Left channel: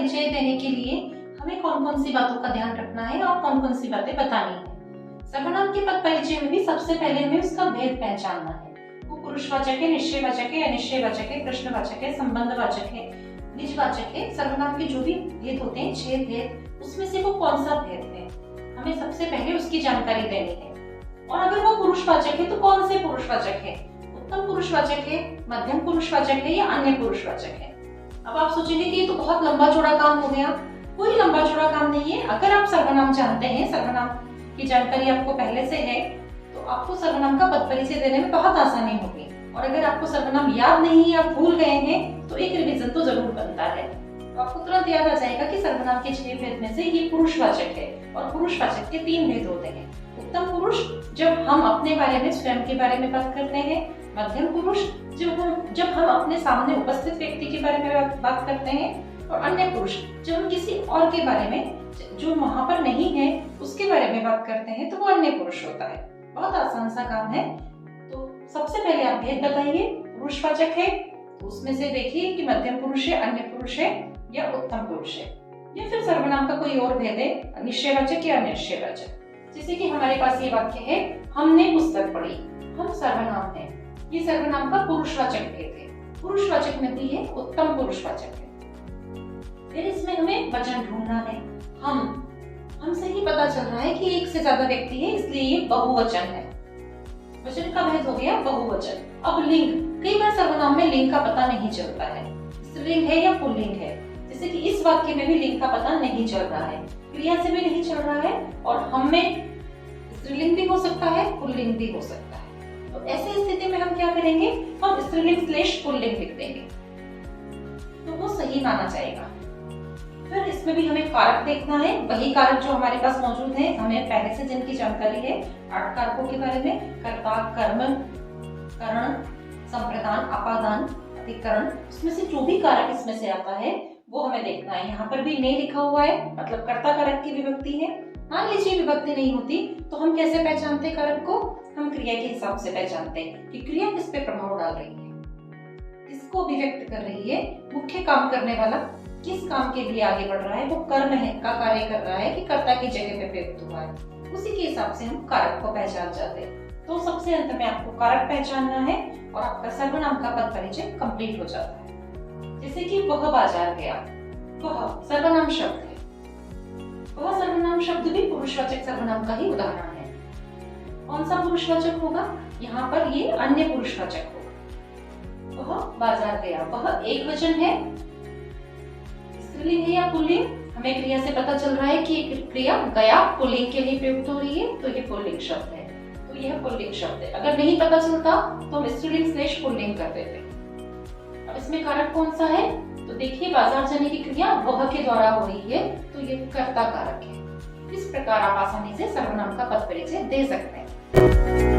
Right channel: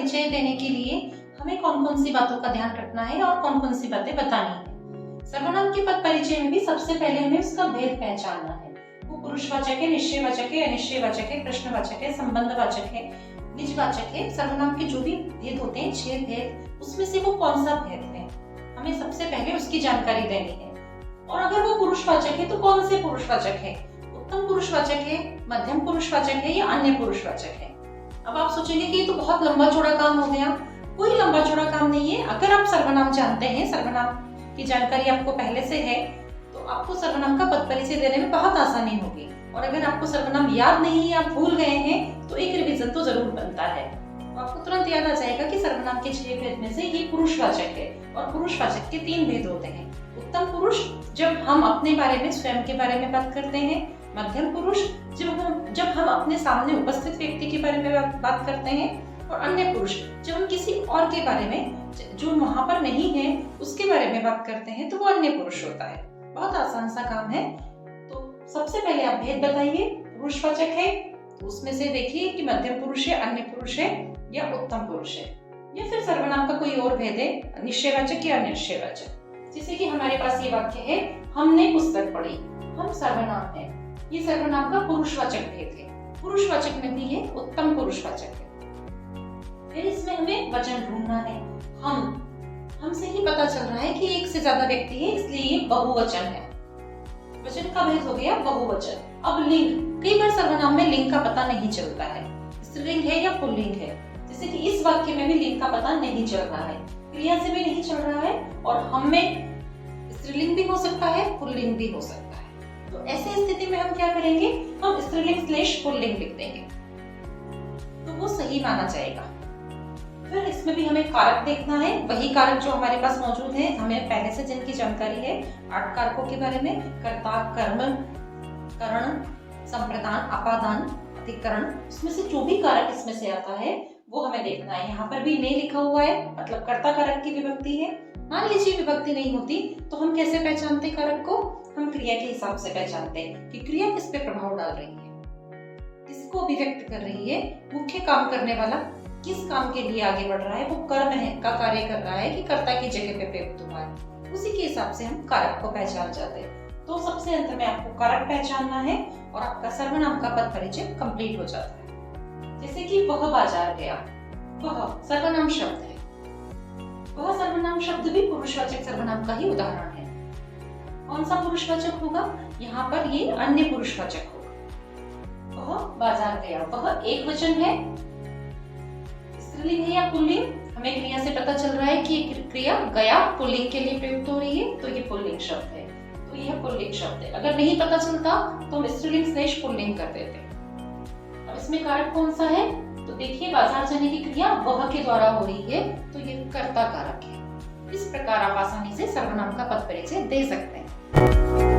परिचय देने के लिए हमें कौन कौन सी बातों का ध्यान रखना है और कौन कौन सी बातें बतानी है। सर्वनाम के पद परिचय में भी सबसे पहले हमें उसका भेद पहचानना है। वो पुरुषवाचक है, निश्चयवाचक है, अनिश्चयवाचक है, प्रश्नवाचक है, संबंधवाचक है, निजवाचक है। सर्वनाम के जो भी भेद होते हैं, 6 भेद, उसमें से वो कौन सा भेद है, हमें सबसे पहले उसकी जानकारी देनी है। और अगर वो पुरुषवाचक है तो कौन से पुरुषवाचक है, उत्तम पुरुषवाचक है, मध्यम पुरुषवाचक है या अन्य पुरुषवाचक है। अब आप सोचेंगे कि ये तो बहुत लंबा चौड़ा काम हो गया। कोई लंबा चौड़ा काम नहीं है। अगर आप सर्वनाम जानते हैं, सर्वनाम की जानकारी आपको पहले से है, तो आपको सर्वनाम का पद परिचय देने में बहुत आसानी होगी। और अगर आपको सर्वनाम याद नहीं है, आप भूल गए हैं, तो एक रिवीजन तो जरूर बनता है। तो आपको तुरंत याद आ जाएगा कि सर्वनाम के 6 भेद में से ये पुरुषवाचक है और पुरुषवाचक के 3 भेद होते हैं। उत्तम पुरुष जब हम अपने बारे में, स्वयं के बारे में बात करते हैं। मध्यम पुरुष जब हम अपने सामने उपस्थित व्यक्ति के बारे में बात करते हैं। और अन्य पुरुष जब हम किसी और के बारे में, जो वहां पर नहीं है, उसके बारे में बात करते हैं, तो वो अन्य पुरुष होता है। बहुत आसान सा काम है। तो सबसे पहले आप भेद बताइए। पुरुषवाचक है तो उसमें से देखिए कि मध्यम पुरुष है, अन्य पुरुष है या उत्तम पुरुष है, या फिर सर्वनाम का कोई और भेद है, निश्चयवाचक या अनिश्चयवाचक। जैसे कि हमारे पास ये वाक्य है, हमने पुस्तक पढ़ी। हम सर्वनाम है, ये सर्वनाम का पुरुषवाचक भेद है। पुरुषवाचक नहीं है, उत्तम पुरुषवाचक है। फिर इसमें हमें वचन ढूंढना है। हमसे ही पता चल रहा है कि एक से ज्यादा व्यक्ति है, इसलिए ये बहुवचन है। वचन का भेद हो गया बहुवचन। अब लिंग, कई बार सर्वनाम में लिंग का पता नहीं चलता है, स्त्रीलिंग है या पुल्लिंग है। जैसे कि इस वाक्य में भी लिंग का पता नहीं चल रहा है, क्रिया से भी नहीं चल रहा है, और हम में स्त्रीलिंग भी हो सकता है, पुल्लिंग भी हो सकता है। तो ऐसी स्थिति में हम क्या करेंगे, हम स्त्रीलिंग/पुल्लिंग लिख देंगे, तो वो सही माना जाएगा। फिर इसमें भी हमें कारक देखना है, वही कारक जो हमारे पास मौजूद है, हमें पहले से जिनकी जानकारी है। 8 कारकों के बारे में, कर्ता, कर्म, करण, संप्रदान, अपादान, अधिकरण, उसमें से जो भी कारक इसमें से आता है वो हमें देखना है। यहाँ पर भी ने लिखा हुआ है, मतलब कर्ता कारक की विभक्ति है। मान लीजिए विभक्ति नहीं होती तो हम कैसे पहचानते कारक को, हम क्रिया के हिसाब से पहचानते हैं कि क्रिया किस पे प्रभाव डाल रही है, किसको अभिव्यक्त कर रही है, मुख्य काम करने वाला किस काम के लिए आगे बढ़ रहा है, वो कर्म है का कार्य कर रहा है कि कर्ता की जगह पे प्रयुक्त हुआ है। उसी के हिसाब से हम कारक को पहचान जाते हैं। तो सबसे अंत में आपको कारक पहचानना है और आपका सर्वनाम का पद परिचय कंप्लीट हो जाता है। जैसे कि वह बाजार गया, वह सर्वनाम शब्द है। वह सर्वनाम शब्द भी पुरुषवाचक सर्वनाम का ही उदाहरण है। कौन सा पुरुषवाचक होगा, यहाँ पर ये अन्य पुरुषवाचक होगा। वह बाजार गया, वह एक वचन है, स्त्रीलिंग है या पुल्लिंग, हमें क्रिया से पता चल रहा है कि क्रिया गया पुल्लिंग के लिए प्रयुक्त हो रही है, तो ये पुल्लिंग शब्द है, तो यह पुल्लिंग शब्द है। अगर नहीं पता चलता तो हम स्त्रीलिंग/पुल्लिंग कर देते। अब इसमें कारक कौन सा है, तो देखिए बाजार जाने की क्रिया वह के द्वारा हो रही है, तो ये कर्ता कारक है। इस प्रकार आप आसानी से सर्वनाम का पद परिचय दे सकते हैं।